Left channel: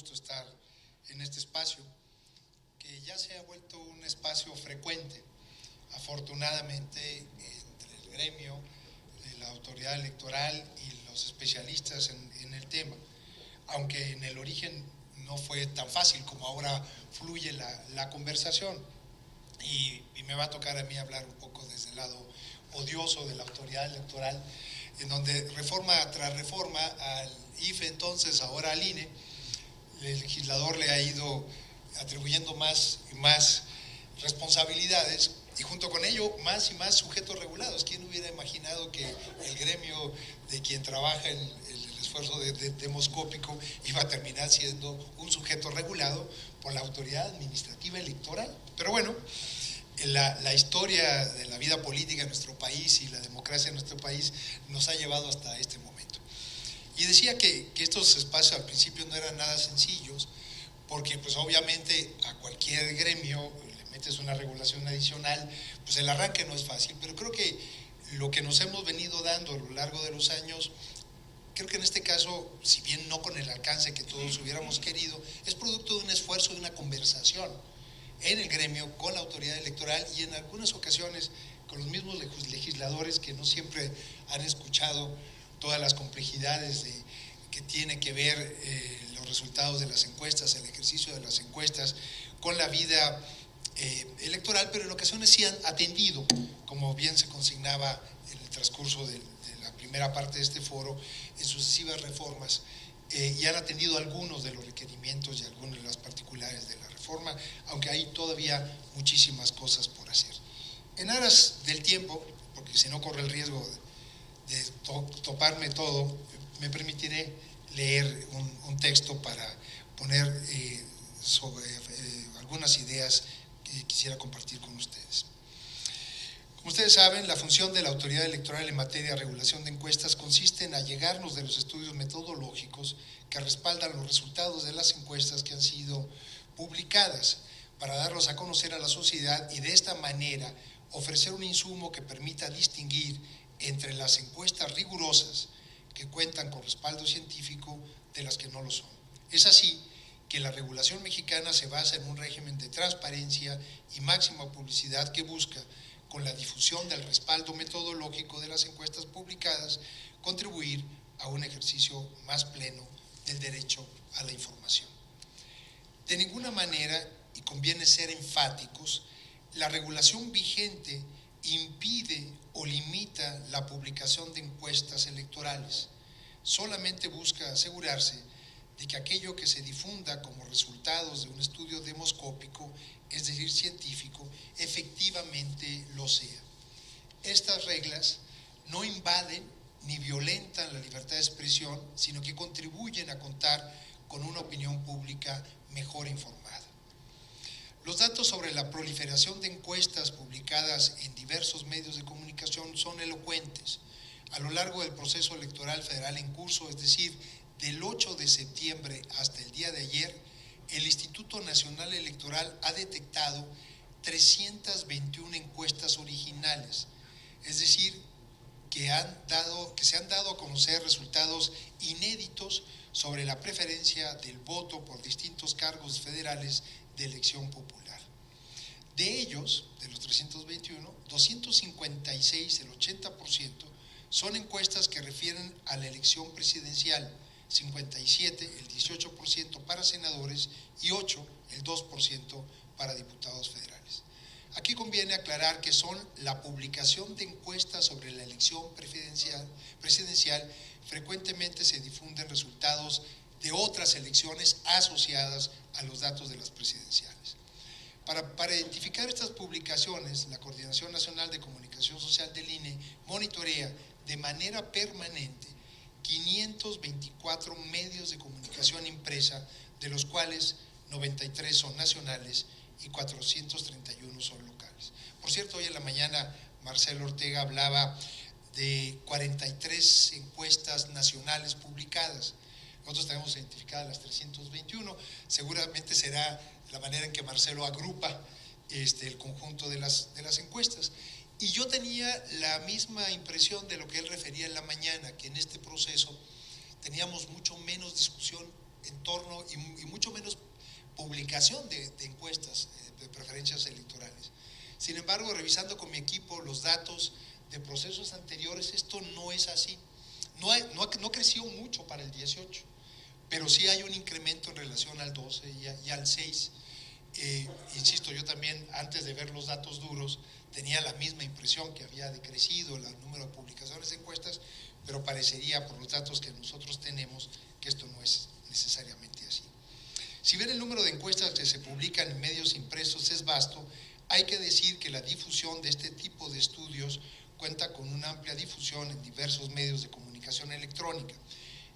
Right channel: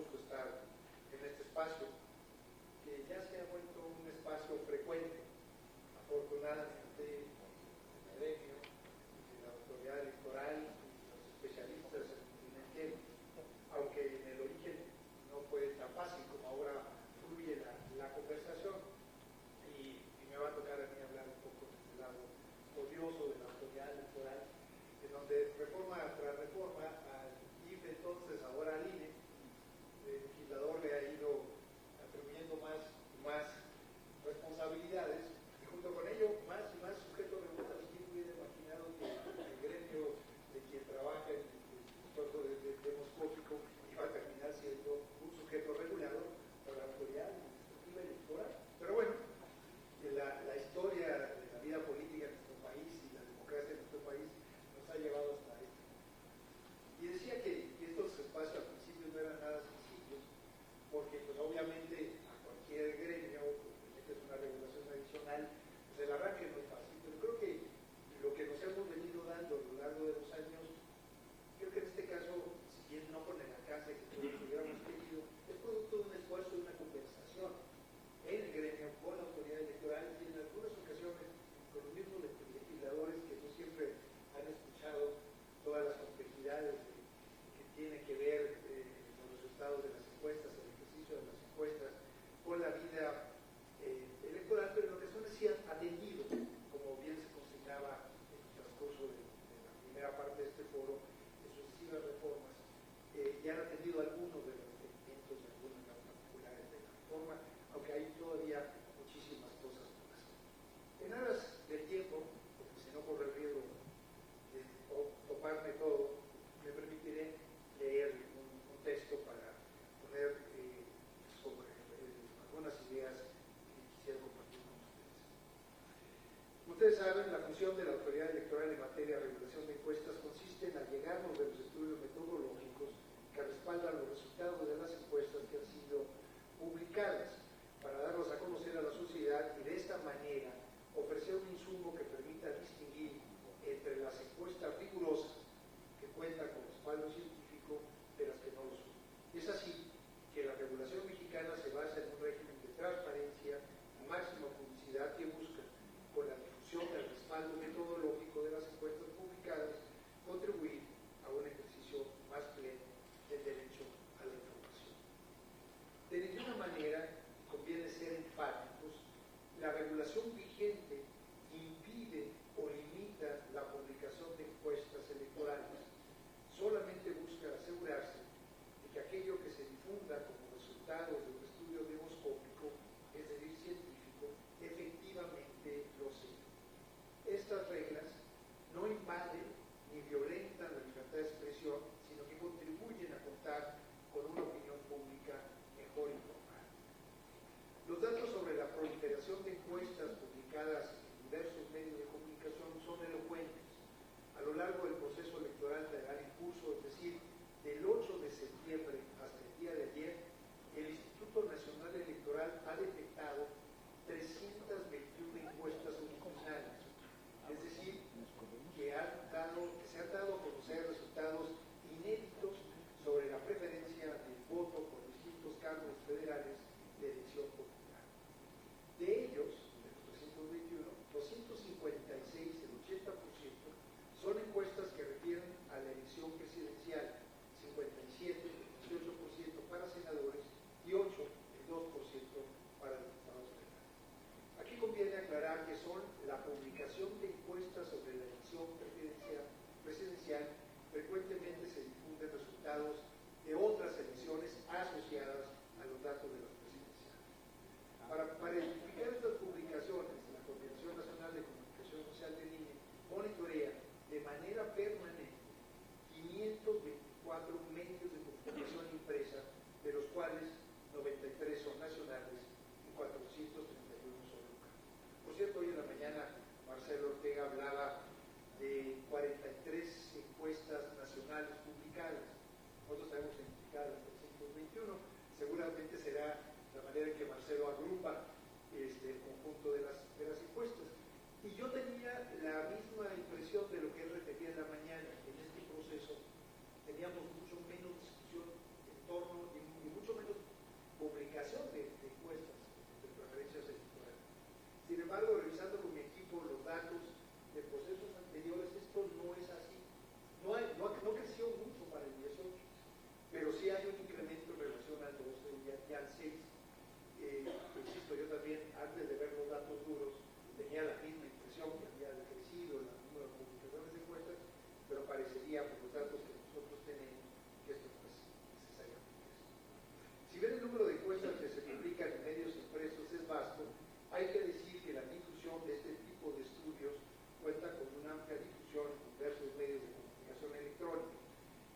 gusto estar en este espacio, que ya se ha vuelto un espacio frecuente, afortunadamente, entre el gremio, la autoridad electoral y los especialistas en el tema, aunque en el origen no fue tan fácil como ahora fluye la conversación. Y me va a tocar a mí hablar un poco desde el lado odioso de la autoridad electoral, en donde reforma tras reforma al IFE, entonces ahora al INE, el legislador le ha ido atribuyendo más y más responsabilidades y junto con ello más y más sujetos regulados. ¿Quién hubiera imaginado que el gremio de quien trabaja el esfuerzo demoscópico iba a terminar siendo un sujeto regulado por la autoridad administrativa electoral? Pero bueno, la historia de la vida política en nuestro país y la democracia en nuestro país nos ha llevado hasta este momento. Y decía que estos espacios al principio no eran nada sencillos, porque pues obviamente a cualquier gremio le metes una regulación adicional, pues el arranque no es fácil, pero creo que lo que nos hemos venido dando a lo largo de los años, creo que en este caso, si bien no con el alcance que todos hubiéramos querido, es producto de un esfuerzo, de una conversación en el gremio, con la autoridad electoral y en algunas ocasiones con los mismos legisladores que no siempre han escuchado todas las complejidades que tiene que ver los resultados de las encuestas, el ejercicio de las encuestas con la vida electoral, pero en ocasiones sí han atendido, como bien se consignaba en el transcurso de la primera parte de este foro, en sucesivas reformas, y han atendido algunos de los requerimientos y algunas de las particulares de la reforma, aunque hay todavía muchísimas cosas por hacer. En aras del tiempo, porque si no corre el riesgo de toparme todo, me permitiré leer un texto para poner sobre algunas ideas que quisiera compartir con ustedes. Como ustedes saben, la función de la autoridad electoral en materia de regulación de encuestas consiste en allegarnos de los estudios metodológicos que respaldan los resultados de las encuestas que han sido publicadas, para darlos a conocer a la sociedad y de esta manera ofrecer un insumo que permita distinguir entre las encuestas rigurosas que cuentan con respaldo científico de las que no lo son. Es así que la regulación mexicana se basa en un régimen de transparencia y máxima publicidad que busca, con la difusión del respaldo metodológico de las encuestas publicadas, contribuir a un ejercicio más pleno del derecho a la información. De ninguna manera, y conviene ser enfáticos, la regulación vigente impide o limita la publicación de encuestas electorales. Solamente busca asegurarse de que aquello que se difunda como resultados de un estudio demoscópico, es decir, científico, efectivamente lo sea. Estas reglas no invaden ni violentan la libertad de expresión, sino que contribuyen a contar con una opinión pública mejor informada. Los datos sobre la proliferación de encuestas publicadas en diversos medios de comunicación son elocuentes. A lo largo del proceso electoral federal en curso, es decir, del 8 de septiembre hasta el día de ayer, el Instituto Nacional Electoral ha detectado 321 encuestas originales, es decir, que se han dado a conocer resultados inéditos sobre la preferencia del voto por distintos cargos federales de elección popular. De ellos, de los 321, 256, el 80%, son encuestas que refieren a la elección presidencial, 57, el 18% para senadores y 8, el 2% para diputados federales. Aquí conviene aclarar que son la publicación de encuestas sobre la elección presidencial. Frecuentemente se difunden resultados de otras elecciones asociadas a los datos de las presidenciales. Para identificar estas publicaciones, la Coordinación Nacional de Comunicación Social del INE monitorea de manera permanente 524 medios de comunicación impresa, de los cuales 93 son nacionales y 431 son locales. Por cierto, hoy en la mañana Marcelo Ortega hablaba de 43 encuestas nacionales publicadas. Nosotros tenemos identificadas las 321, seguramente será la manera en que Marcelo agrupa el conjunto de las encuestas. Y yo tenía la misma impresión de lo que él refería en la mañana, que en este proceso teníamos mucho menos discusión en torno y mucho menos publicación de encuestas de preferencias electorales. Sin embargo, revisando con mi equipo los datos de procesos anteriores, esto no es así. No creció mucho para el 18, pero sí hay un incremento en relación al 12 y al 6. Insisto, yo también, antes de ver los datos duros, tenía la misma impresión que había decrecido el número de publicaciones de encuestas, pero parecería, por los datos que nosotros tenemos, que esto no es necesariamente así. Si bien el número de encuestas que se publican en medios impresos es vasto, hay que decir que la difusión de este tipo de estudios cuenta con una amplia difusión en diversos medios de comunicación electrónica.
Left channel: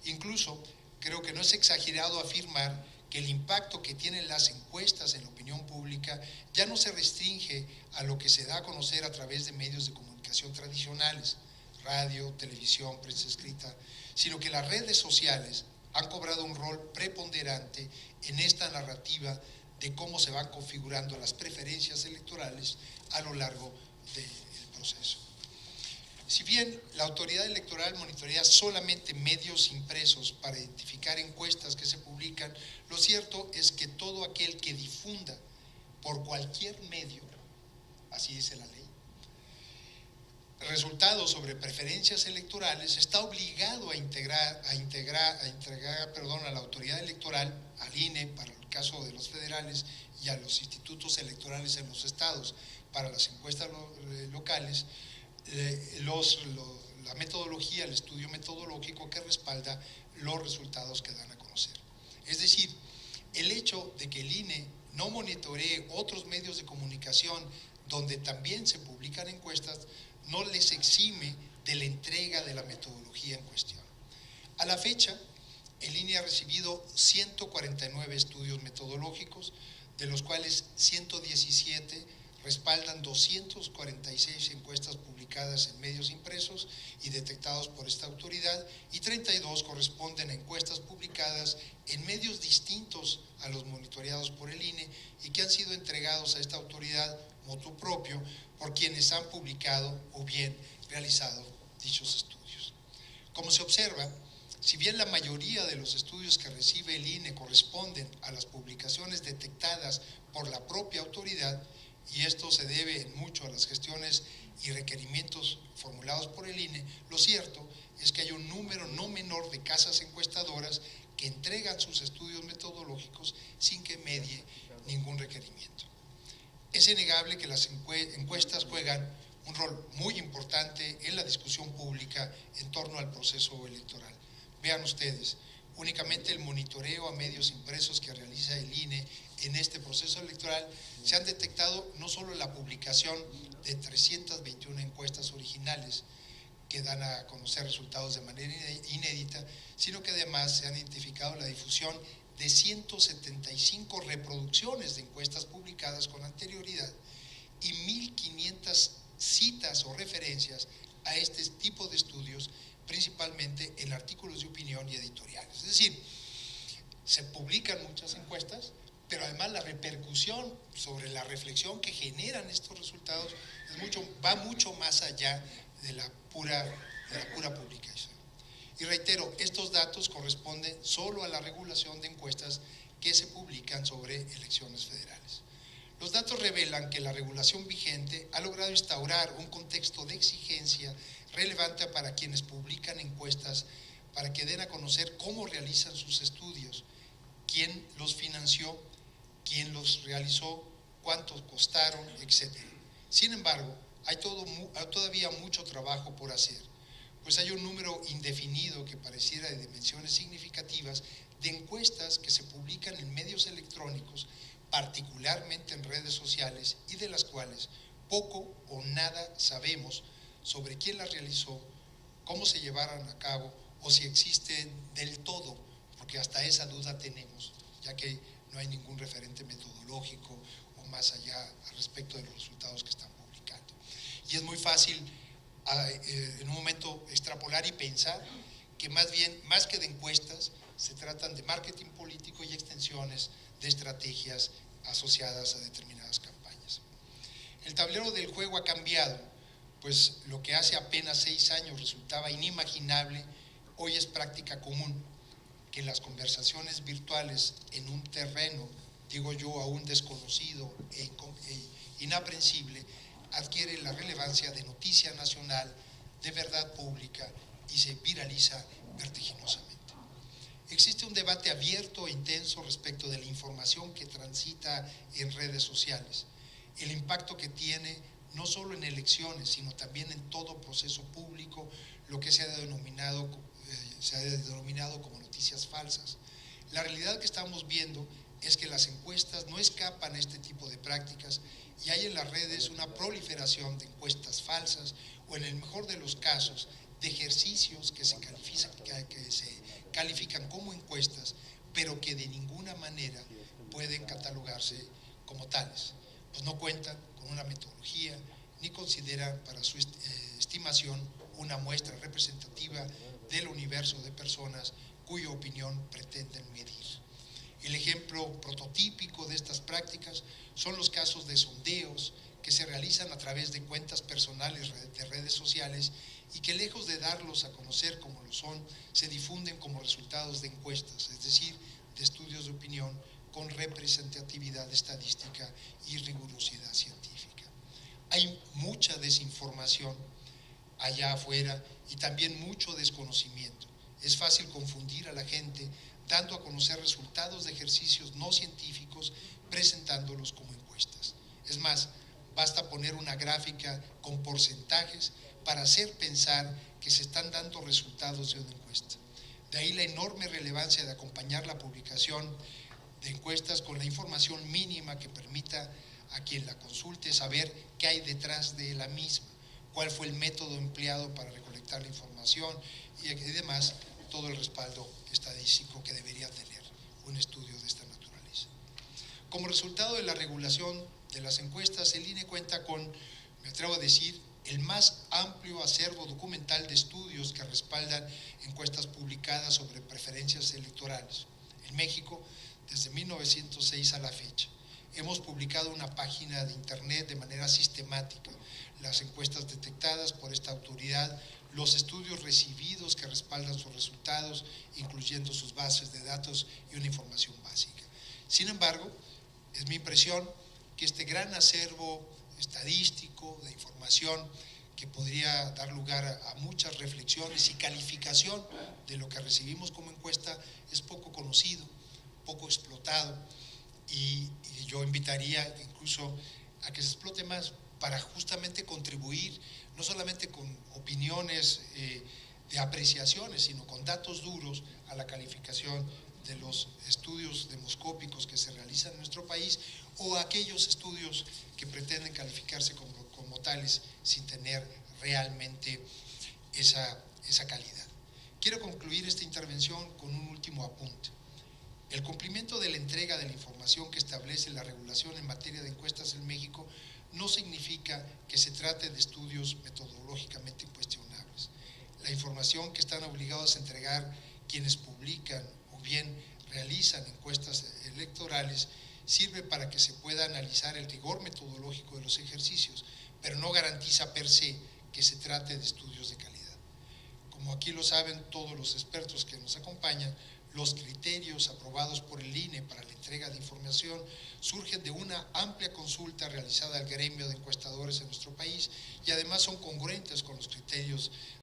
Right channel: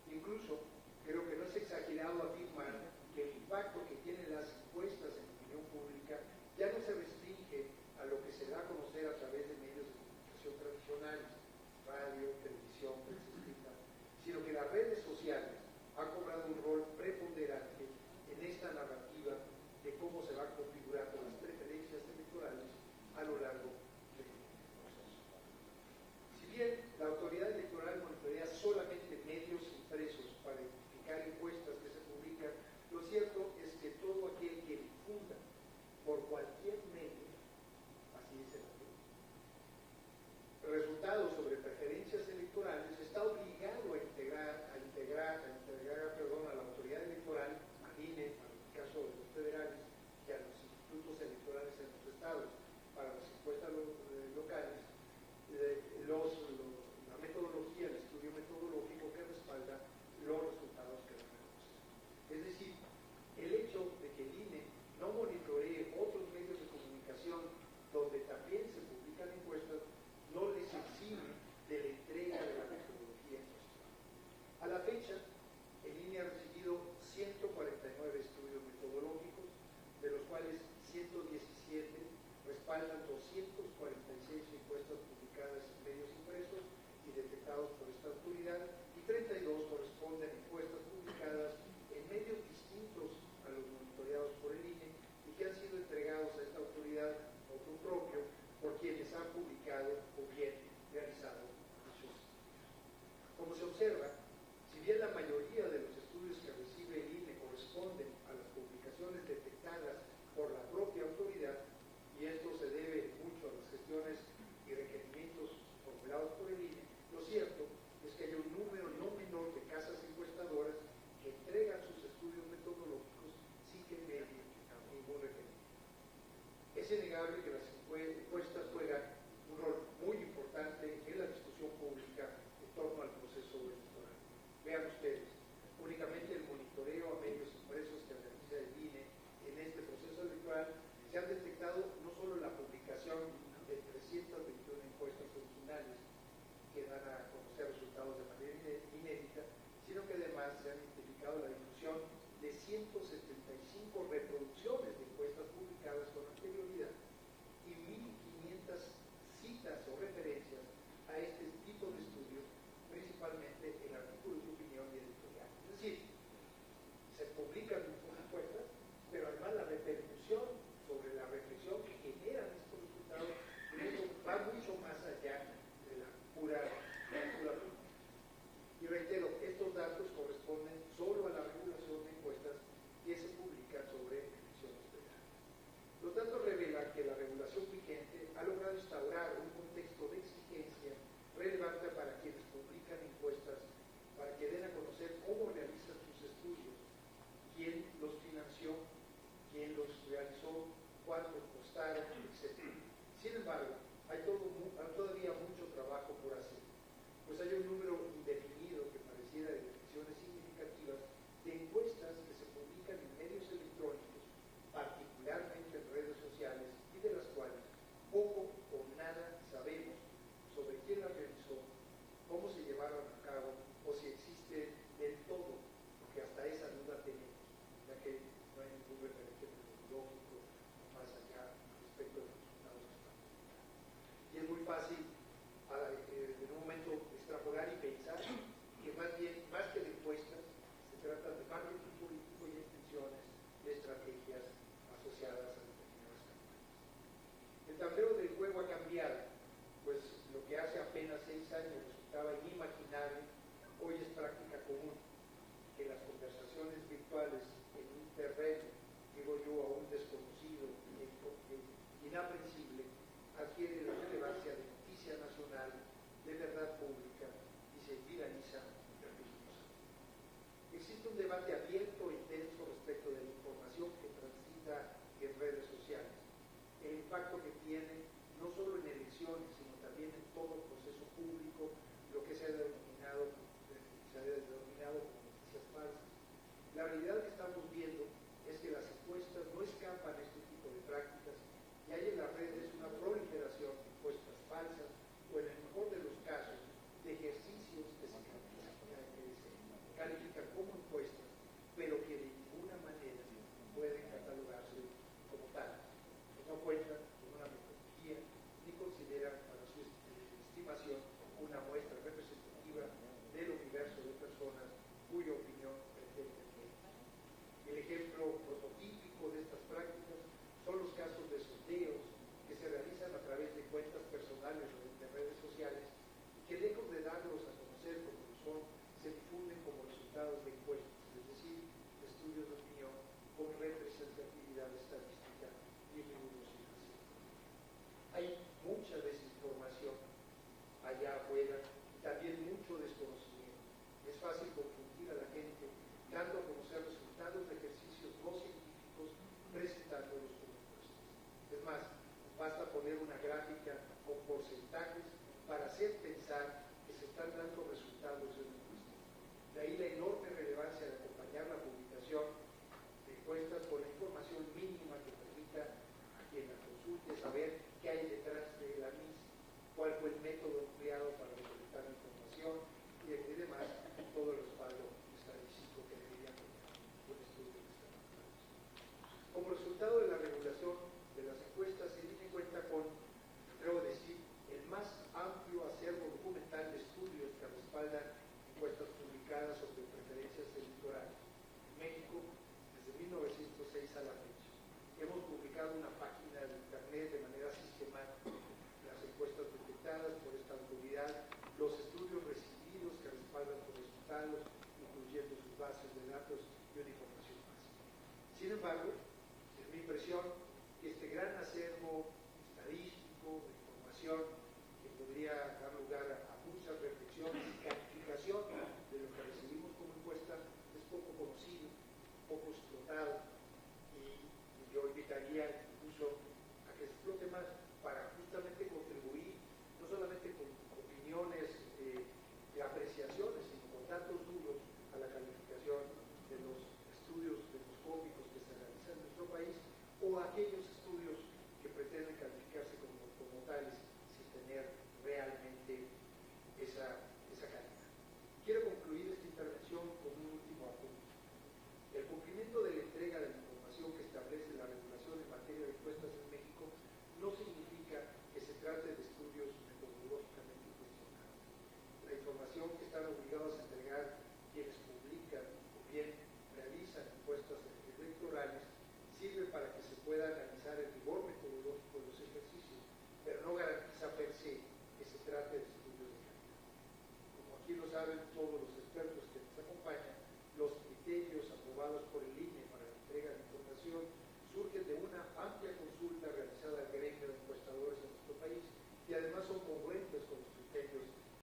Incluso, creo que no es exagerado afirmar que el impacto que tienen las encuestas en la opinión pública ya no se restringe a lo que se da a conocer a través de medios de comunicación tradicionales, radio, televisión, prensa escrita, sino que las redes sociales han cobrado un rol preponderante en esta narrativa de cómo se van configurando las preferencias electorales a lo largo del proceso. Si bien la autoridad electoral monitorea solamente medios impresos para identificar encuestas que se publican, lo cierto es que todo aquel que difunda por cualquier medio, así dice la ley, resultados sobre preferencias electorales, está obligado a entregar a la autoridad electoral, al INE para el caso de los federales y a los institutos electorales en los estados para las encuestas locales, la metodología, el estudio metodológico que respalda los resultados que dan a conocer. Es decir, el hecho de que el INE no monitoree otros medios de comunicación donde también se publican encuestas no les exime de la entrega de la metodología en cuestión. A la fecha, el INE ha recibido 149 estudios metodológicos, de los cuales 117 respaldan 246 encuestas publicadas en medios impresos y detectados por esta autoridad, y 32 corresponden a encuestas publicadas en medios distintos a los monitoreados por el INE y que han sido entregados a esta autoridad motu propio por quienes han publicado o bien realizado dichos estudios. Como se observa, si bien la mayoría de los estudios que recibe el INE corresponden a las publicaciones detectadas por la propia autoridad, y esto se debe en mucho a las gestiones y requerimientos formulados por el INE, lo cierto es que hay un número no menor de casas encuestadoras que entregan sus estudios metodológicos sin que medie ningún requerimiento. Es innegable que las encuestas juegan un rol muy importante en la discusión pública en torno al proceso electoral. Vean ustedes, únicamente el monitoreo a medios impresos que realiza el INE en este proceso electoral se han detectado no solo la publicación de 321 encuestas originales que dan a conocer resultados de manera inédita, sino que además se han identificado la difusión de 175 reproducciones de encuestas publicadas con anterioridad y 1.500 citas o referencias a este tipo de estudios, principalmente en artículos de opinión y editoriales. Es decir, se publican muchas encuestas, pero además la repercusión sobre la reflexión que generan estos resultados va mucho más allá de la pura publicación. Y reitero, estos datos corresponden solo a la regulación de encuestas que se publican sobre elecciones federales. Los datos revelan que la regulación vigente ha logrado instaurar un contexto de exigencia relevante para quienes publican encuestas para que den a conocer cómo realizan sus estudios, quién los financió, quién los realizó, cuántos costaron, etc. Sin embargo, hay todavía mucho trabajo por hacer, pues hay un número indefinido que pareciera de dimensiones significativas de encuestas que se publican en medios electrónicos, particularmente en redes sociales, y de las cuales poco o nada sabemos sobre quién las realizó, cómo se llevaron a cabo o si existen del todo, porque hasta esa duda tenemos, ya que no hay ningún referente metodológico o más allá al respecto de los resultados que están publicando. Y es muy fácil en un momento extrapolar y pensar que más que de encuestas, se tratan de marketing político y extensiones de estrategias asociadas a determinadas campañas. El tablero del juego ha cambiado, pues lo que hace apenas 6 años resultaba inimaginable, hoy es práctica común. que las conversaciones virtuales en un terreno, digo yo, aún desconocido e inaprensible, adquiere la relevancia de noticia nacional, de verdad pública y se viraliza vertiginosamente. Existe un debate abierto e intenso respecto de la información que transita en redes sociales, el impacto que tiene no solo en elecciones, sino también en todo proceso público, lo que se ha denominado como noticias falsas. La realidad que estamos viendo es que las encuestas no escapan a este tipo de prácticas y hay en las redes una proliferación de encuestas falsas o, en el mejor de los casos, de ejercicios que se califican como encuestas, pero que de ninguna manera pueden catalogarse como tales, pues no cuentan con una metodología ni consideran para su estimación una muestra representativa del universo de personas cuya opinión pretenden medir. El ejemplo prototípico de estas prácticas son los casos de sondeos que se realizan a través de cuentas personales de redes sociales y que, lejos de darlos a conocer como lo son, se difunden como resultados de encuestas, es decir, de estudios de opinión con representatividad estadística y rigurosidad científica. Hay mucha desinformación allá afuera y también mucho desconocimiento. Es fácil confundir a la gente dando a conocer resultados de ejercicios no científicos presentándolos como encuestas. Es más, basta poner una gráfica con porcentajes para hacer pensar que se están dando resultados de una encuesta. De ahí la enorme relevancia de acompañar la publicación de encuestas con la información mínima que permita a quien la consulte saber qué hay detrás de la misma, cuál fue el método empleado para recolectar la información y además todo el respaldo estadístico que debería tener un estudio de esta naturaleza. Como resultado de la regulación de las encuestas, el INE cuenta con, me atrevo a decir, el más amplio acervo documental de estudios que respaldan encuestas publicadas sobre preferencias electorales. En México, desde 1906 a la fecha, hemos publicado una página de internet de manera sistemática, las encuestas detectadas por esta autoridad, los estudios recibidos que respaldan sus resultados, incluyendo sus bases de datos y una información básica. Sin embargo, es mi impresión que este gran acervo estadístico de información que podría dar lugar a muchas reflexiones y calificación de lo que recibimos como encuesta es poco conocido, poco explotado y yo invitaría incluso a que se explote más para justamente contribuir no solamente con opiniones de apreciaciones, sino con datos duros a la calificación de los estudios demoscópicos que se realizan en nuestro país o aquellos estudios que pretenden calificarse como tales sin tener realmente esa calidad. Quiero concluir esta intervención con un último apunte. El cumplimiento de la entrega de la información que establece la regulación en materia de encuestas en México no significa que se trate de estudios metodológicamente cuestionables. La información que están obligados a entregar quienes publican o bien realizan encuestas electorales sirve para que se pueda analizar el rigor metodológico de los ejercicios, pero no garantiza per se que se trate de estudios de calidad. Como aquí lo saben todos los expertos que nos acompañan, los criterios aprobados por el INE para la entrega de información surgen de una amplia consulta realizada al gremio de encuestadores en nuestro país y además son congruentes con los criterios